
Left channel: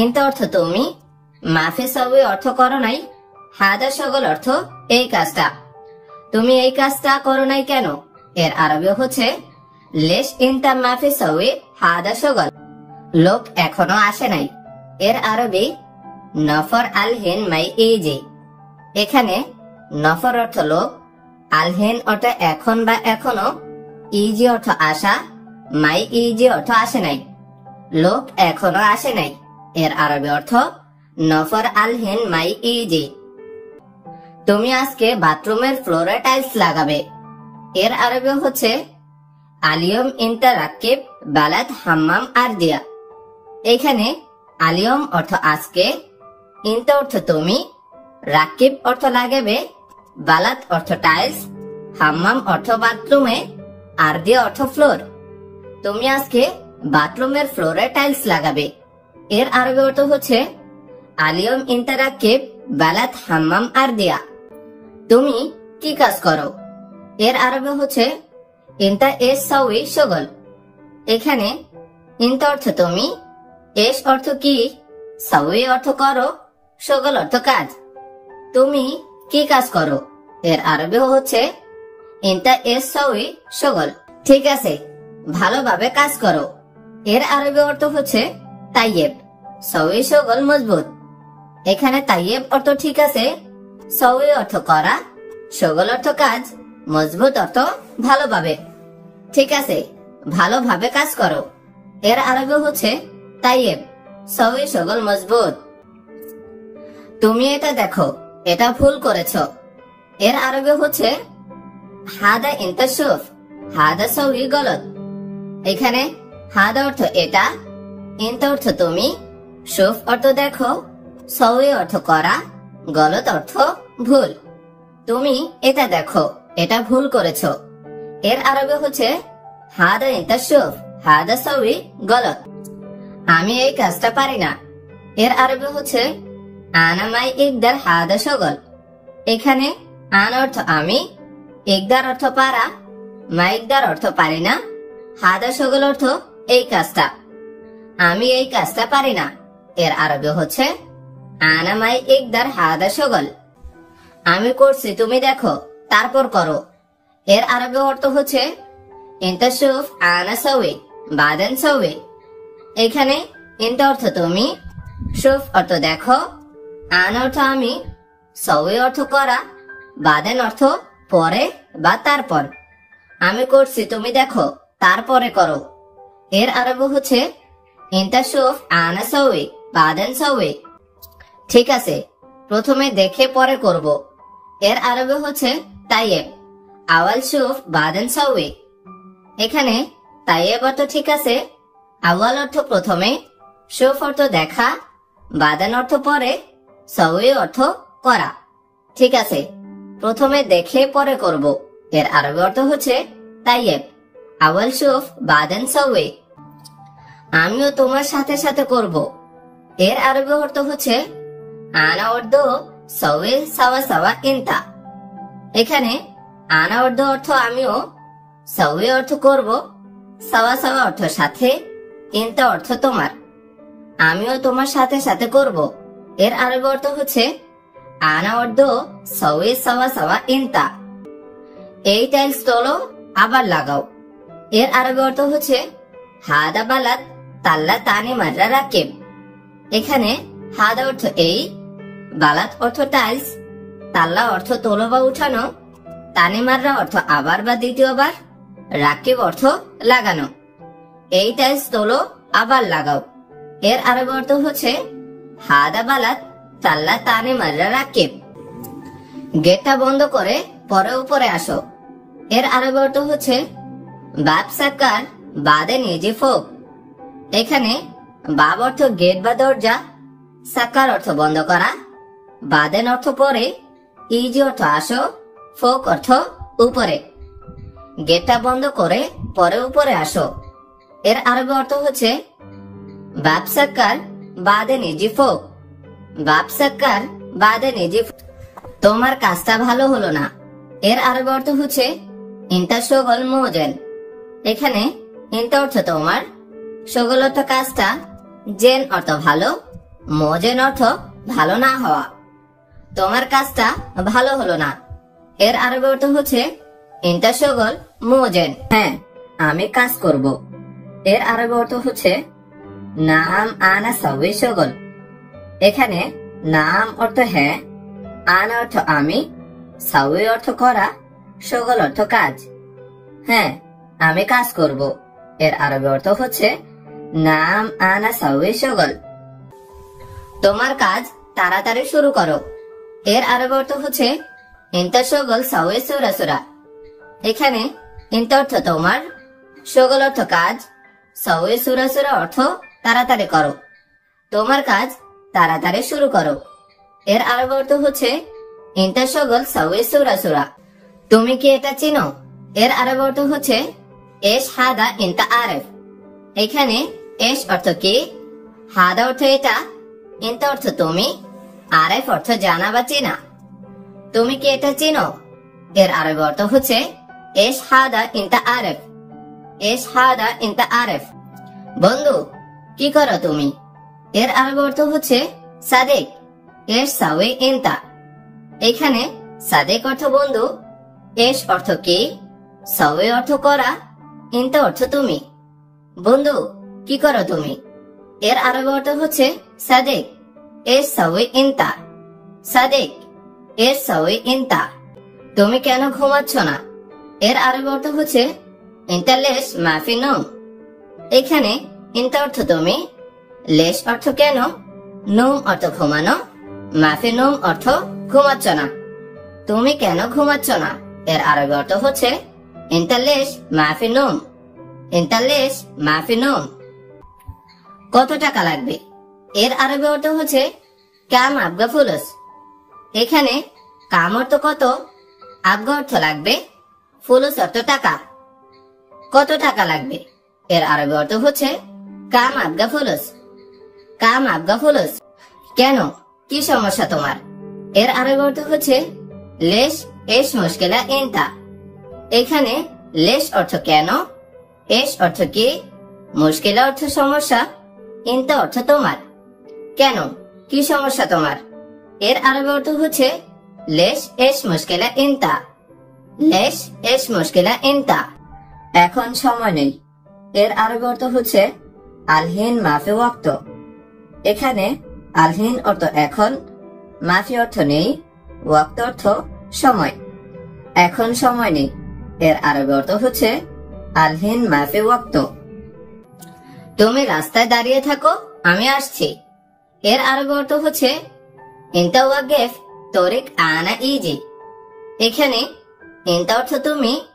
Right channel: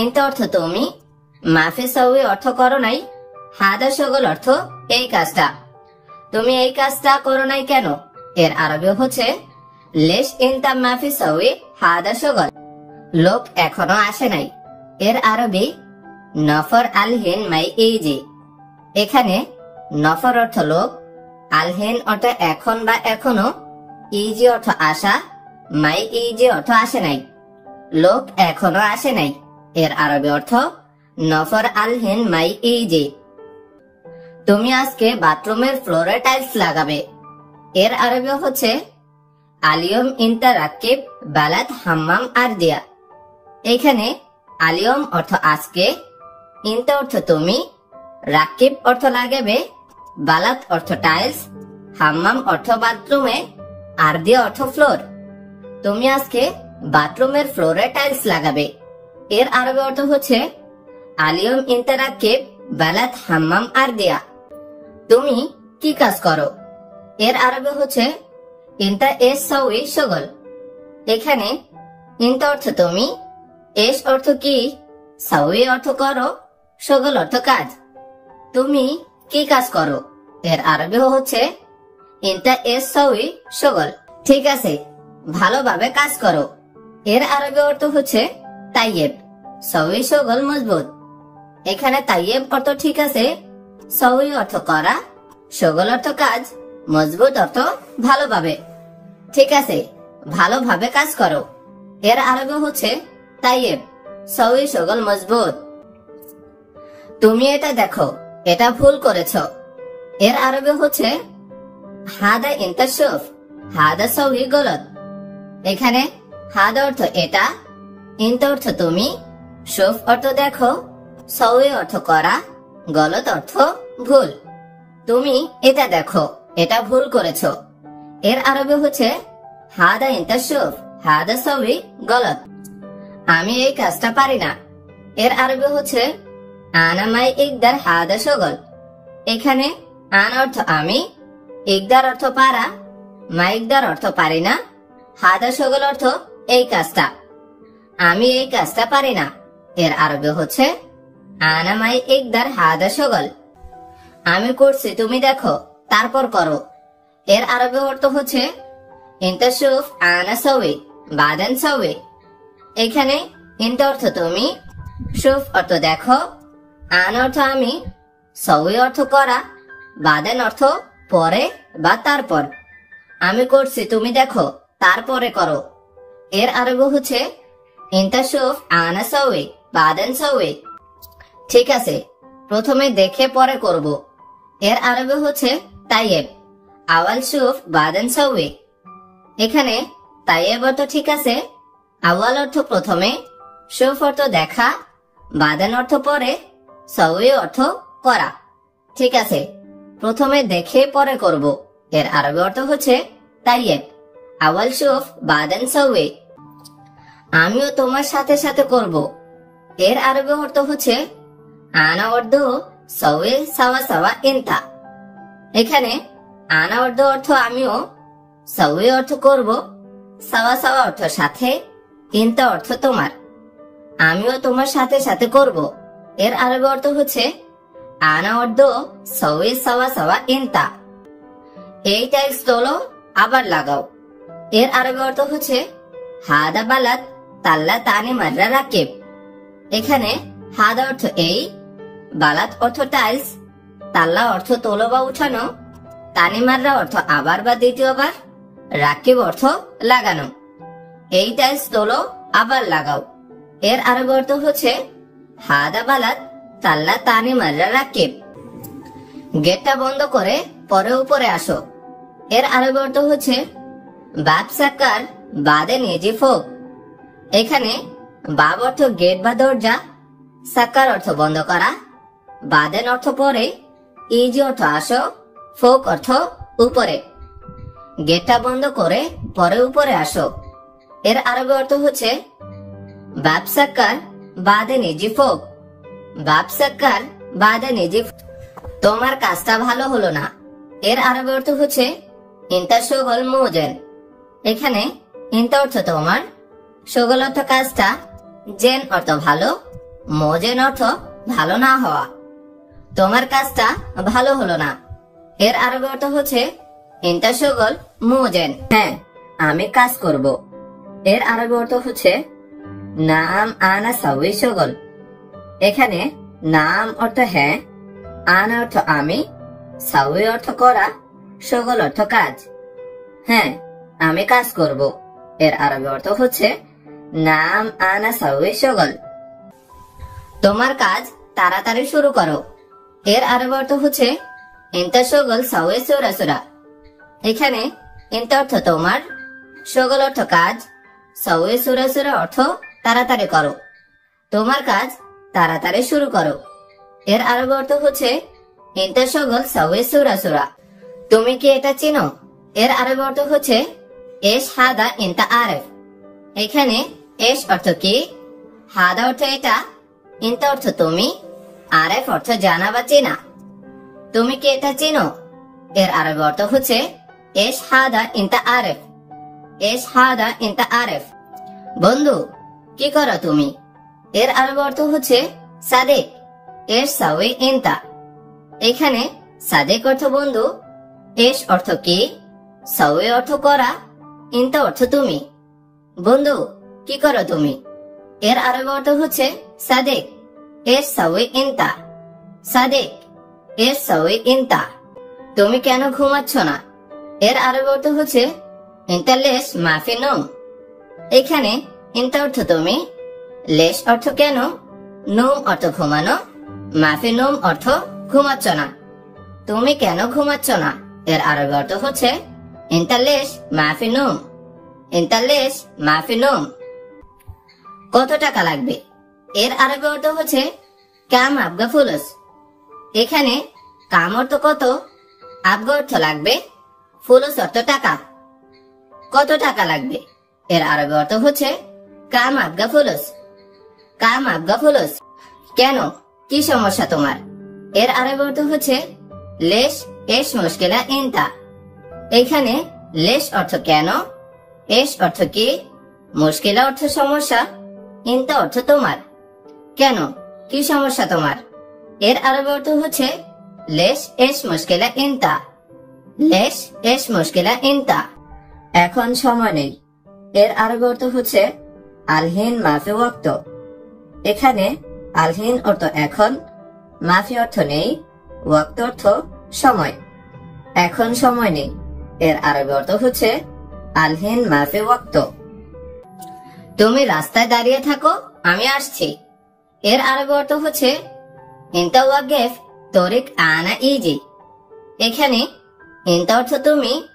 ইনতা অর্থ তুমি, মাফি সওয়ে অর্থ করো নাই, হাদা শগল অর্থ এই কাজটা। তুমি এই কাজটা করো নাই কেন, এর আরবি হচ্ছে লেশ ইনতা মাফি সওয়ে হাদা শগল। লোক এখনো আসে নাই। এর আরবি নফর আল হিন মাই ইজি। এখানে নফর অর্থ লোক, আল হিন অর্থ এখন বা এখনো, ইজি অর্থ আসা, মাই ইজি অর্থ আসে নাই। লোক এখনো আসে নাই। এর আরবি অর্থ নফর আল হিন মাই ইজি। তুমি আজকে বাথরুমের ফ্লোরে টাইলস লাগাবে। এর আরবি হচ্ছে আলিয়ম ইনতা রাকিব বালাদ হাম্মাম আর দিয়া। এখানে আলিয়ম অর্থ আজকে, ইনতা অর্থ তুমি, রাকিব অর্থ লাগাবে, বালাত অর্থ টাইলস, হাম্মাম অর্থ বাথরুমে, আর দিয়া অর্থ ফ্লোর। তুমি আজকে বাথরুমের ফ্লোরে টাইলস লাগাবে। এর আরবি অর্থ হচ্ছে আলিয়ম ইনতা রাকিব বালাত হাম্মাম আর দিয়া। তুমি কি কাজ করো, এর আরবি হচ্ছে ইনতা এস সওয়ি শগল। এখানে ইনতা অর্থ তুমি, এস অর্থ কি, সওয়ি অর্থ করো, শগল অর্থ কাজ। তুমি কি কাজ করো, এর আরবি হচ্ছে ইনতা এস সওয়ি শগল। ঠিক আছে, ভালোভাবে কাজ করো। এর আরবি অর্থ হচ্ছে তাইয়েব, সওয়ি শগল মজবুত। এখানে তাইয়েব অর্থ ঠিক আছে, সওয়ি অর্থ করা, শগল অর্থ কাজ, মজবুত অর্থ ভালোভাবে। ঠিক আছে, ভালোভাবে কাজ করো। এর আরবি হচ্ছে তাইয়েব, সওয়ি শগল মজবুত। তুমি এটা দেখো, এটা ভুল করেছো। এর আরবি হচ্ছে হাদা ইনতা শুফ, হাদা সওয়ি গলত। এখানে হাদা অর্থ এটা, ইনতা অর্থ তুমি, শুফ অর্থ দেখো, সওয়ি অর্থ করা, গলত অর্থ ভুল। তুমি এটা দেখো, এটা ভুল করেছো। এর আরবি হচ্ছে হাদা ইনতা শুফ, হাদা সওয়ি গলত। আমি এই কাজটা পারি না। এর আরবি হচ্ছে আনা মাই ইকদার হাদা শগল। এখানে আন অর্থ আমি, ইকদার অর্থ পারা, মাইকদার অর্থ পারি না, হাদা শগল অর্থ এই কাজটা। আমি এই কাজটা পারি না। এর আরবি হচ্ছে আনা মাই ইকদার হাদা শগল। আমি করছি, তুমি দেখো, তারপর করো। এর আরবি অর্থ হচ্ছে ইনতা শুফ আনা সওয়ি বাদেন সওয়ি। এখানে ইনতা অর্থ তুমি, শুফ অর্থ দেখো, আন অর্থ আমি, সওয়ি অর্থ করা, বাদেন অর্থ পরে বা তারপর। আমি করছি, তুমি দেখো, তারপরে করো। এর আরবি হচ্ছে ইনতা শুফ আনা সাউই বাদেন সাউই। ঠিক আছে, প্রথমে দেখে পরে করব। এর আরবি হচ্ছে তাইয়েব, আওয়াল শুফ বাদেন সাউই। এখানে তাইয়েব অর্থ ঠিক আছে, আওয়াল অর্থ প্রথমে, শুফ অর্থ দেখা, বাদেন অর্থ পরে, সাউই অর্থ করা। ঠিক আছে, প্রথমে দেখে পরে করব। এর আরবি অর্থ হচ্ছে তাইয়েব, আওয়াল শুফ বাদেন সাউই। আমিও তোমার সাথে সাথে করব। এর আরবি অর্থ হচ্ছে আনা অর্ধ সাউই সাওয়া সাওয়া ইনতা। এখানে আনা অর্ধ অর্থ আমিও, সাউই অর্থ করব, সাওয়া সাওয়া অর্থ সাথে, ইনতা অর্থ তোমার। আমিও তোমার সাথে সাথে করব। এর আরবি অর্থ হচ্ছে আনা অর্ধ সাউই সাওয়া সাওয়া ইনতা। এই টাইলস তোলো আবার লাগাও। এর আরবি অর্থ হচ্ছে হাদা বালাত তাল্লা তানি মাররা রাকিব। এখানে হাদা অর্থ এই, বালাত অর্থ টাইলস, তাল্লা অর্থ তোলো বা উঠানো, তানি মাররা অর্থ আবার বা দ্বিতীয়বার, রাকিব অর্থ লাগানো। এই টাইলস তোলো আবার লাগাও। এর আরবি অর্থ হচ্ছে হাদা বালাত তাল্লা তানি মাররা রাকিব। গেটটা বন্ধ করে পরে উপরে আসো। এর আরবি অর্থ হচ্ছে বাব সাকার বাদে নিজে ফোক। এখানে বাব অর্থ গেট বা দরজা, সাকার অর্থ বন্ধ করা, বাদেন অর্থ পরে, ইজি অর্থ আসো, ফোক অর্থ উপরে। গেটটা বন্ধ করে পরে উপরে আসো। এর আরবি অর্থ হচ্ছে বাব সাকার বাদে নিজে ফোক। বাব সাকার বাদে নিজে। তোমার কাজটা ভালো হলো না। এর আরবি অর্থ হচ্ছে ইনতা শগল মোজেন। এখানে ইনতা অর্থ তোমার, শগল অর্থ কাজটা, জেন অর্থ ভালো, মোজেন অর্থ ভালো না হওয়া। তোমার কাজটা ভালো হলো না। এর আরবি অর্থ হচ্ছে ইনতা শগল মোজেন। হ্যাঁ, আমি কাজ করব। এর আরবি অর্থ হচ্ছে নাম আনা সাউই শগল। এখানে নাম অর্থ হ্যাঁ, আনা অর্থ আমি, সাউই অর্থ করা, শগল অর্থ কাজ। হ্যাঁ, আমি কাজ করব। এর আরবি অর্থ হচ্ছে নাম আনা সাউই শগল। তোমার কাজ তাড়াতাড়ি শুরু করো। এর আরবি অর্থ হচ্ছে ইনতা শগল সাউই সুরা সুরা। এখানে ইনতা অর্থ তোমার, শগল অর্থ কাজ, সাউই সুরা সুরা অর্থ তাড়াতাড়ি করো। তোমার কাজ তাড়াতাড়ি শুরু করো। এর আরবি অর্থ হচ্ছে ইনতা শগল সাউই সুরা সুরা। তুমি কি এটা চিনো? এর আরবি অর্থ হচ্ছে এশ হাদা ইনতা আরেফ। এখানে এশ অর্থ কি, হাদা অর্থ এটা, ইনতা অর্থ তুমি, আরেফ অর্থ জানা বা চেনা। তুমি কি এটা চিনো? এর আরবি অর্থ হচ্ছে এশ হাদা ইনতা আরেফ। এশ হাদা ইনতা আরেফ। বন্ধু, কি করো তুমি? এর আরবি অর্থ হচ্ছে সাদেক, এশ সাউই ইনতা। এখানে সাদেক অর্থ বন্ধু, এশ অর্থ কি, সাউই অর্থ করা, ইনতা অর্থ তুমি। বন্ধু, কি করো তুমি? এর আরবি অর্থ হচ্ছে সাদেক, এশ সাউই ইনতা। সাদেক, এশ সাউই ইনতা। তুমি কেন ঘুমাচ্ছ না? এর আরবি অর্থ হচ্ছে ইনতা লেশ মাফি নোম। এখানে ইনতা অর্থ তুমি, লেশ অর্থ কেন, নোম অর্থ ঘুমানো, মাফি নোম অর্থ ঘুমাচ্ছ না। তুমি কেন ঘুমাচ্ছ না? এর আরবি অর্থ হচ্ছে ইনতা লেশ মাফি নোম। ইনতা লেশ মাফি নোম। কত টাকা লাগবে? এর আরবি অর্থ হচ্ছে কাম আবগা ফুলুস। এখানে কাম অর্থ কত, আবগা অর্থ লাগবে, ফুলুস অর্থ টাকা। কত টাকা লাগবে? এর আরবি অর্থ হচ্ছে কাম আবগা ফুলুস। কাম আবগা ফুলুস। কেন, কি সমস্যা তোমার? এর আরবি অর্থ হচ্ছে লেশ এশ মুশকিলা ইনতা। এখানে লেশ অর্থ কেন, এশ অর্থ কি, মুশকিলা অর্থ সমস্যা, ইনতা অর্থ তোমার। কেন, কি সমস্যা তোমার? এর আরবি অর্থ হচ্ছে লেশ এশ মুশকিলা ইনতা। লেশ এশ মুশকিলা ইনতা। এখন সময় নেই। এর আরবি অর্থ হচ্ছে আলহিন মাফি ওয়াক্ত। এখানে আলহিন অর্থ এখন, মাফি অর্থ নেই, ওয়াক্ত অর্থ সময়। এখন সময় নেই। এর আরবি অর্থ হচ্ছে আলহিন মাফি ওয়াক্ত। তুমি রাস্তায় দাঁড়িয়ে থাকো, আমি আসছি। এর আরবি অর্থ হচ্ছে ইনতা ওয়াকিফ তরিক আনা ইজি। এখানে ইনতা অর্থ তুমি,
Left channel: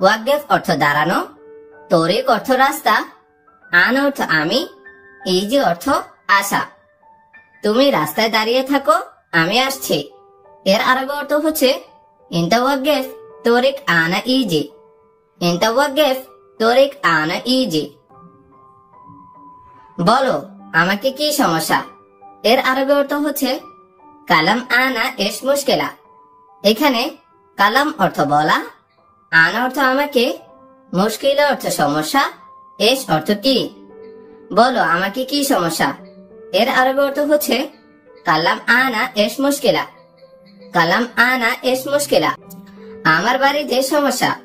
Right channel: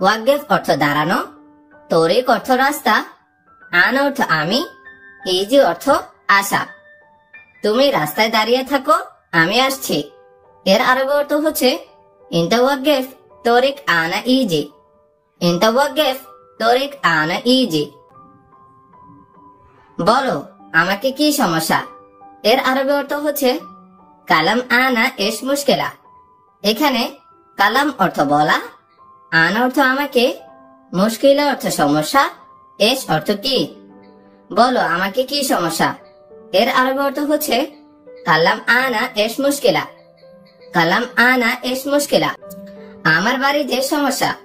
ওয়াকিফ অর্থ দাঁড়ানো, তরিক অর্থ রাস্তা, আনা অর্থ আমি, ইজি অর্থ আসা। তুমি রাস্তায় দাঁড়িয়ে থাকো, আমি আসছি। এর আরবি অর্থ হচ্ছে ইনতা ওয়াকিফ তরিক আনা ইজি। ইনতা ওয়াকিফ তরিক আনা ইজি। বলো আমাকে কি সমস্যা? এর আরবি অর্থ হচ্ছে কালাম আনা এস মুশকিলা। এখানে কালাম অর্থ বলা, আনা অর্থ আমাকে, মুশকিলা অর্থ সমস্যা, এস অর্থ কি। বলো আমাকে কি সমস্যা? এর আরবি অর্থ হচ্ছে কালাম আনা এস মুশকিলা। কালাম আনা এস মুশকিলা। আমার বাড়িতে সমস্যা।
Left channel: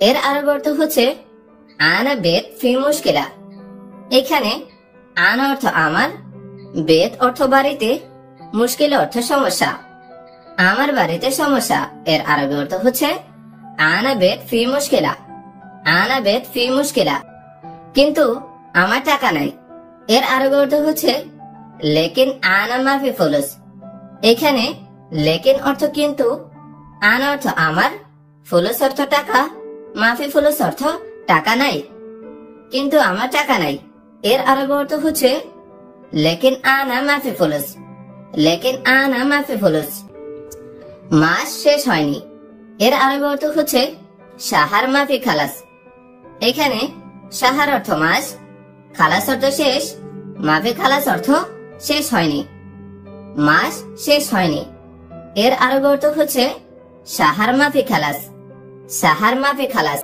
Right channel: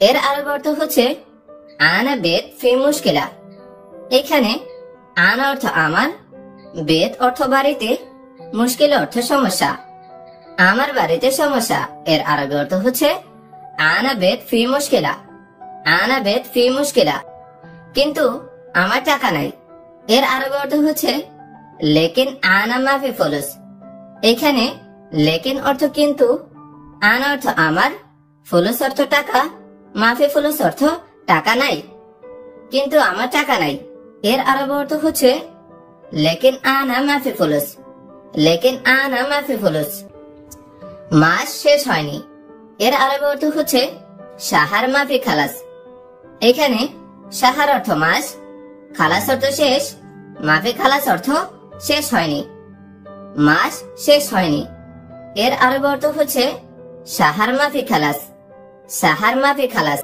এর আরবি অর্থ হচ্ছে আনা বেত ফি মুশকিলা। এখানে আনা অর্থ আমার, বেত অর্থ বাড়িতে, মুশকিল অর্থ সমস্যা। আমার বাড়িতে সমস্যা এর আরবি অর্থ হচ্ছে আনা বেত ফি মুশকিলা। আনা বেত ফি মুশকিলা। কিন্তু আমার টাকা নাই। এর আরবি অর্থ হচ্ছে লেকিন আনা মাফি ফুলুস। এখানে লেকিন অর্থ কিন্তু, আনা অর্থ আমার, ফুলুস অর্থ টাকা, মাফি ফুলুস অর্থ টাকা নাই। কিন্তু আমার টাকা নাই। এর আরবি অর্থ হচ্ছে লেকিন আনা মাফি ফুলুস। লেকিন আনা মাফি ফুলুস। মাস শেষ হয়নি। এর আরবি অর্থ হচ্ছে শাহার মাফি খালাস। এখানে শাহার অর্থ মাস, খালাস অর্থ শেষ, মাফি খালাস অর্থ শেষ হয়নি। মাস শেষ হয়নি। এর আরবি অর্থ হচ্ছে শাহার মাফি খালাস। শাহার মাফি খালাস।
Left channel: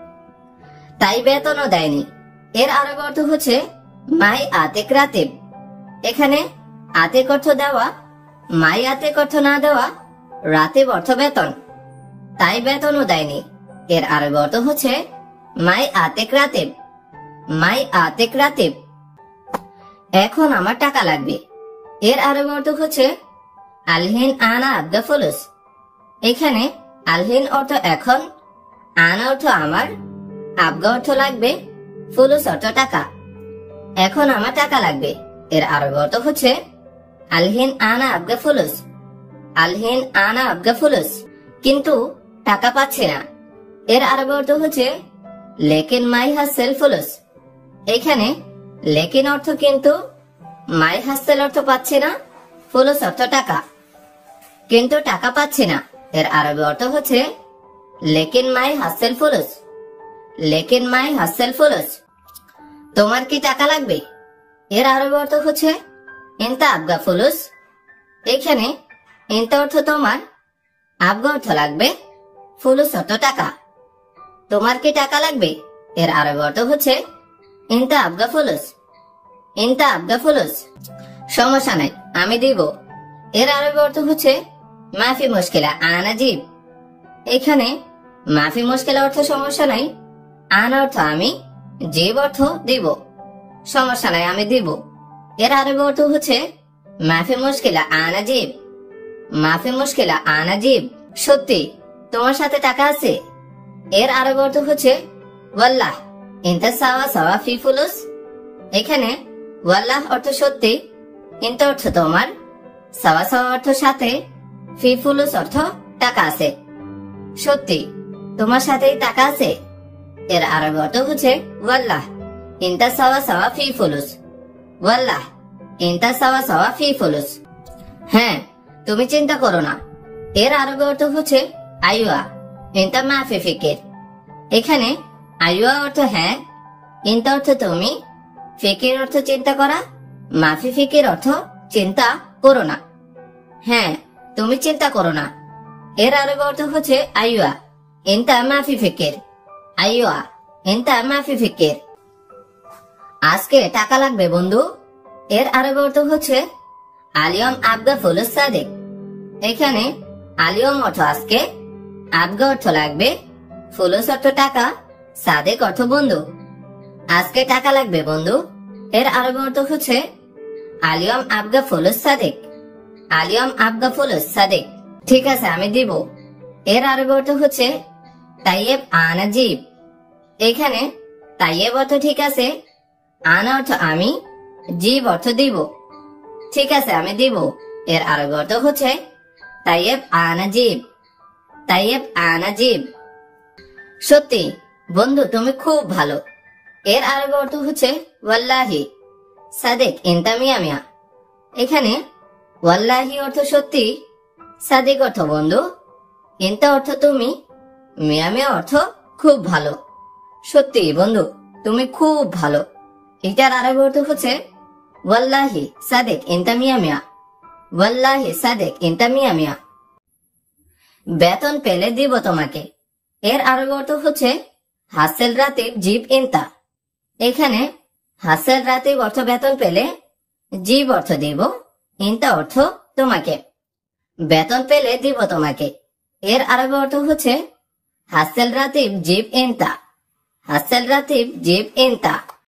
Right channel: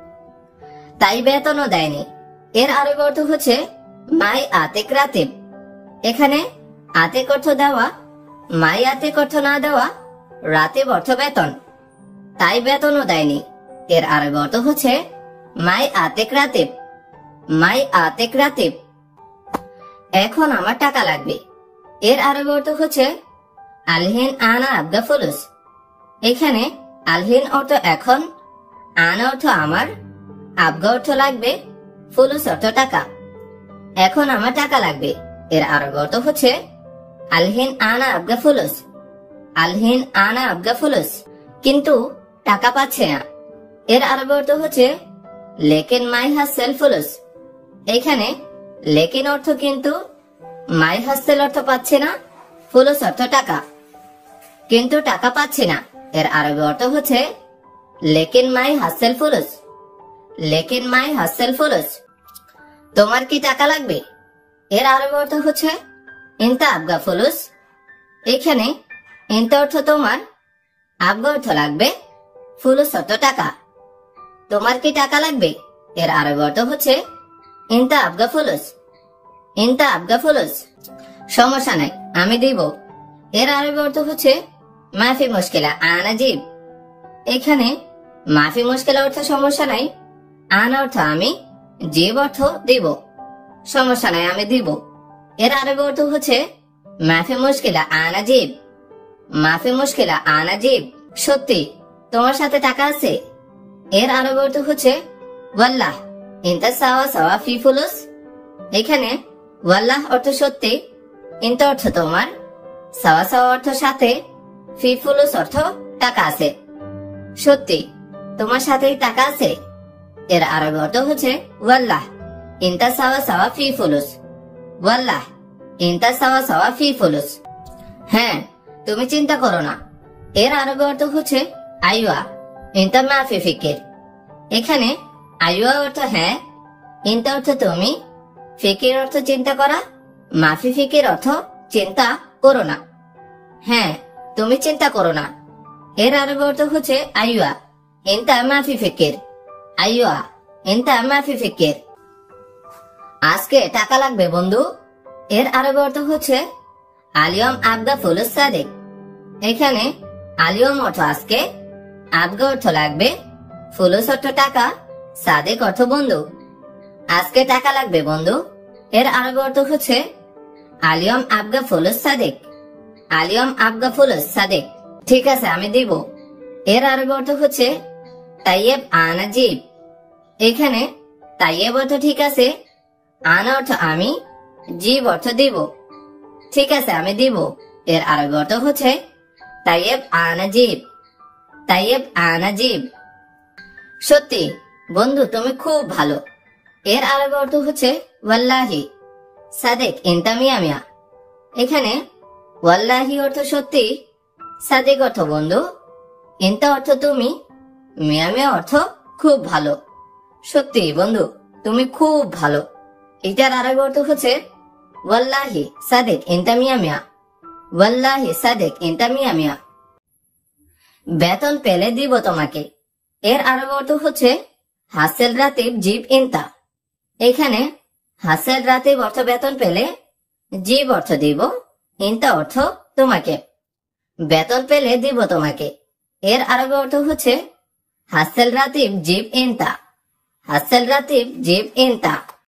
তাই বেতনও দেয়নি। এর আরবি অর্থ হচ্ছে মাই আতেক রাতিব। এখানে আতেক অর্থ দেওয়া, মাই আতেক অর্থ না দেওয়া, রাতিব অর্থ বেতন। তাই বেতনও দেয়নি। এর আরবি অর্থ হচ্ছে মাই আতেক রাতিব। মাই আতেক রাতিব। এখন আমার টাকা লাগবে। এর আরবি অর্থ হচ্ছে আলহিন আনা আবগা ফুলুস। এখানে আলহিন অর্থ এখন, আনা অর্থ আমার, আবগা অর্থ লাগবে, ফুলুস অর্থ টাকা। এখন আমার টাকা লাগবে। এর আরবি অর্থ হচ্ছে আলহিন আনা আবগা ফুলুস। আলহিন আনা আবগা ফুলুস। কিন্তু টাকা পাচ্ছে না। এর আরবি অর্থ হচ্ছে লেকিন মাই হাসেল ফুলুস। এখানে লেকিন অর্থ কিন্তু, মাই হাসেল অর্থ পাচ্ছে না, ফুলুস অর্থ টাকা। কিন্তু টাকা পাচ্ছে না। এর আরবি অর্থ হচ্ছে লেকিন মাই হাসেল ফুলুস। লেকিন মাই হাসেল ফুলুস। তোমার কি টাকা লাগবে? এর আরবি অর্থ হচ্ছে ইনতা আবগা ফুলুস। এখানে ইনতা অর্থ তোমার, আবগা অর্থ লাগবে, ফুলুস অর্থ টাকা। তোমার কি টাকা লাগবে? এর আরবি অর্থ হচ্ছে ইনতা আবগা ফুলুস। ইনতা আবগা ফুলুস। সমস্যা নাই, আমি দিব। এর আরবি অর্থ হচ্ছে মাফি মুশকিলা আনা জিব। এখানে মাফি মুশকিলা অর্থ সমস্যা নাই, আনা অর্থ আমি, জিব অর্থ দিব। সমস্যা নাই, আমি দিব। এর আরবি অর্থ হচ্ছে মাফি মুশকিলা আনা জিব। মাফি মুশকিলা আনা জিব। সত্যি তোমার সাথে টাকা আছে? এর আরবি অর্থ হচ্ছে ওয়াল্লাহ ইনতা সাওয়া সাওয়া ফি ফুলুস। এখানে ওয়াল্লাহ অর্থ সত্যি, ইনতা অর্থ তোমার, সাওয়া সাওয়া অর্থ সাথে, ফি ফুলুস অর্থ টাকা আছে। সত্যি তোমার সাথেই টাকা আছে। এর আরবি অর্থ হচ্ছে ওয়াল্লাহ ইনতা সাওয়া সাওয়া ফি ফুলুস। ওয়াল্লাহ ইনতা সাওয়া সাওয়া ফি ফুলুস। হ্যাঁ, তুমি চিন্তা করো না। এর আরবি অর্থ হচ্ছে আইওয়া ইনতা মাফি ফিকির। এখানে আইওয়া অর্থ হ্যাঁ, ইনতা অর্থ তুমি, ফিকির অর্থ চিন্তা করা, মাফি ফিকির অর্থ চিন্তা করো না। হ্যাঁ, তুমি চিন্তা করো না। এর আরবি অর্থ হচ্ছে আইওয়া ইনতা মাফি ফিকির। আইওয়া ইনতা মাফি ফিকির। আজকে টাকা লাগবে বন্ধু। এর আরবি অর্থ হচ্ছে আলিয়ম আবগা ফুলুস সাদিক। এখানে আলিয়ম অর্থ আজকে, আবগা অর্থ লাগবে, ফুলুস অর্থ টাকা, সাদিক অর্থ বন্ধু। আজকে টাকা লাগবে বন্ধু। এর আরবি অর্থ হচ্ছে আলিয়ম আবগা ফুলুস সাদিক। আলিয়ম আবগা ফুলুস সাদিক। ঠিক আছে, আমি দিব। এর আরবি অর্থ হচ্ছে তাইয়েব আনা জিব। এখানে তাইয়েব অর্থ ঠিক আছে, আনা অর্থ আমি, জিব অর্থ দিব। ঠিক আছে, আমি দিব। এর আরবি অর্থ হচ্ছে তাইয়েব আনা জিব। তাইয়েব আনা জিব। সত্যি বন্ধু, তুমি খুব ভালো। এর আরবি অর্থ হচ্ছে ওয়াল্লাহি। সাদেক ইনতা মিয়া মিয়া। এখানে ওয়াল্লাহি অর্থ সত্যি, সাদেক অর্থ বন্ধু, ইনতা অর্থ তুমি, মিয়া মিয়া অর্থ খুব ভালো। সত্যি বন্ধু, তুমি খুব ভালো। এটার আরবি অর্থ হচ্ছে ওয়াল্লাহি সাদেক ইনতা মিয়া মিয়া। ওয়াল্লাহি সাদেক ইনতা মিয়া মিয়া। বেতন পেলে দিব তোমাকে। এর আরবি অর্থ হচ্ছে হাসেল রাতিব জিব ইনতা। এখানে হাসেল রাতিব অর্থ বেতন পেলে, জিব অর্থ দিব, ইনতা অর্থ তোমাকে। বেতন পেলে দিব তোমাকে। এর আরবি অর্থ হচ্ছে হাসেল রাতিব জিব ইনতা। হাসেল রাতিব জিব ইনতা।